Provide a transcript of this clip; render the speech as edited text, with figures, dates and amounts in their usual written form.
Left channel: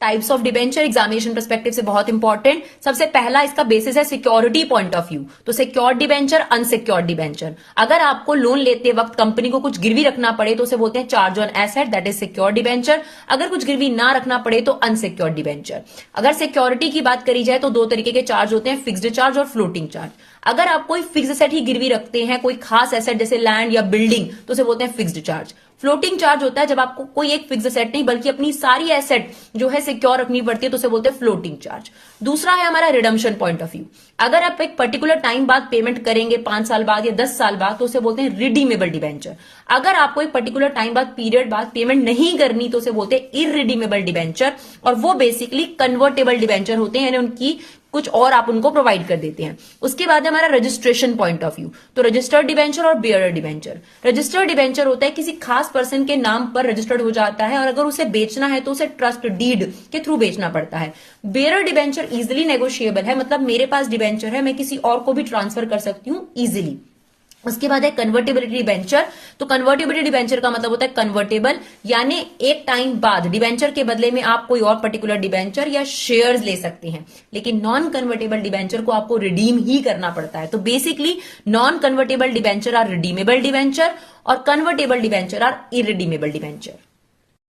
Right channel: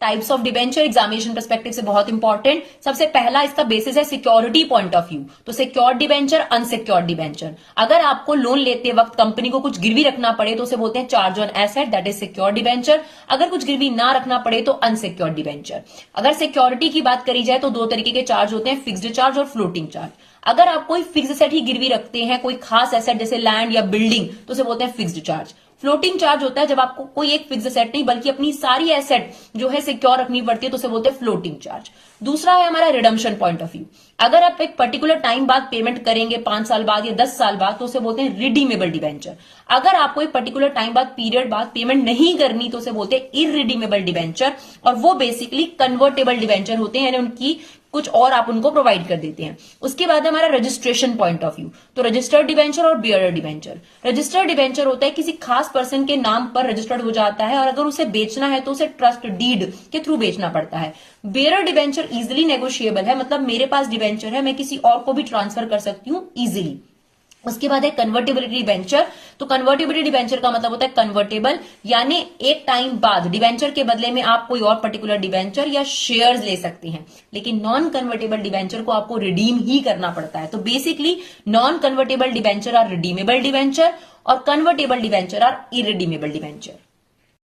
Types of debenture examination perspective से बहुत important. सबसे पहला इसका बेसिस है सिक्योरिटी पॉइंट ऑफ व्यू। तो सिक्योर्ड डिबेंचर, अनसिक्योर्ड डिबेंचर। अगर आपको लोन लेते वक्त कंपनी को कुछ गिरवी रखना पड़े तो उसे बोलते हैं charge on asset, that is secured debenture. अगर कुछ गिरवी ना रखना पड़े तो अनसिक्योर्ड डिबेंचर। अगर सिक्योरिटी की बात करी जाए तो दो तरीके के चार्ज होते हैं, फिक्स्ड चार्ज और फ्लोटिंग चार्ज। अगर आप कोई फिक्स एसेट ही गिरवी रखते हैं, कोई खास एसेट जैसे लैंड या बिल्डिंग, तो उसे बोलते हैं फिक्स्ड चार्ज। फ्लोटिंग चार्ज होता है जब आपको कोई एक फिक्स एसेट नहीं बल्कि अपनी सारी एसेट जो है सिक्योर रखनी पड़ती है, तो उसे बोलते हैं फ्लोटिंग चार्ज। दूसरा है हमारा रिडम्पशन पॉइंट ऑफ व्यू। अगर आप एक पर्टिकुलर टाइम बाद पेमेंट करेंगे, 5 साल बाद या 10 साल बाद, तो उसे बोलते हैं रिडीमेबल डिबेंचर। अगर आपको एक पर्टिकुलर टाइम बाद पीरियड बाद पेमेंट नहीं करनी तो उसे बोलते हैं इररिडीमेबल डिबेंचर। और वो बेसिकली कन्वर्टेबल डिबेंचर होते हैं, यानी उनकी कुछ और आप उनको प्रोवाइड कर देते हैं। उसके बाद हमारा रजिस्ट्रेशन पॉइंट ऑफ व्यू। तो रजिस्टर्ड डिबेंचर और बियरर डिबेंचर। रजिस्टर्ड डिबेंचर होता है किसी खास पर्सन के नाम पर रजिस्टर्ड हो जाता है और अगर उसे बेचना है तो उसे ट्रस्ट डीड के थ्रू बेचना पड़ता है। बियरर डिबेंचर इजिली नेगोशिएबल है, मतलब मेरे पास डिबेंचर है, मैं किसी और को भी ट्रांसफर कर सकती हूं इजिली। उसके बाद है कन्वर्टेबिलिटी डिबेंचर। तो कन्वर्टेबिलिटी डिबेंचर का मतलब होता है कन्वर्टेबल, यानी एक टाइम बाद डिबेंचर के बदले में आप कोई और पर्टिकुलर डिबेंचर या शेयर्स ले सकते हैं। लेकिन नॉन कन्वर्टेबल डिबेंचर को आपको रिडीम ही करना पड़ता है। तो basically non convertible debenture are redeemable debenture और convertible debenture are irredeemable debenture.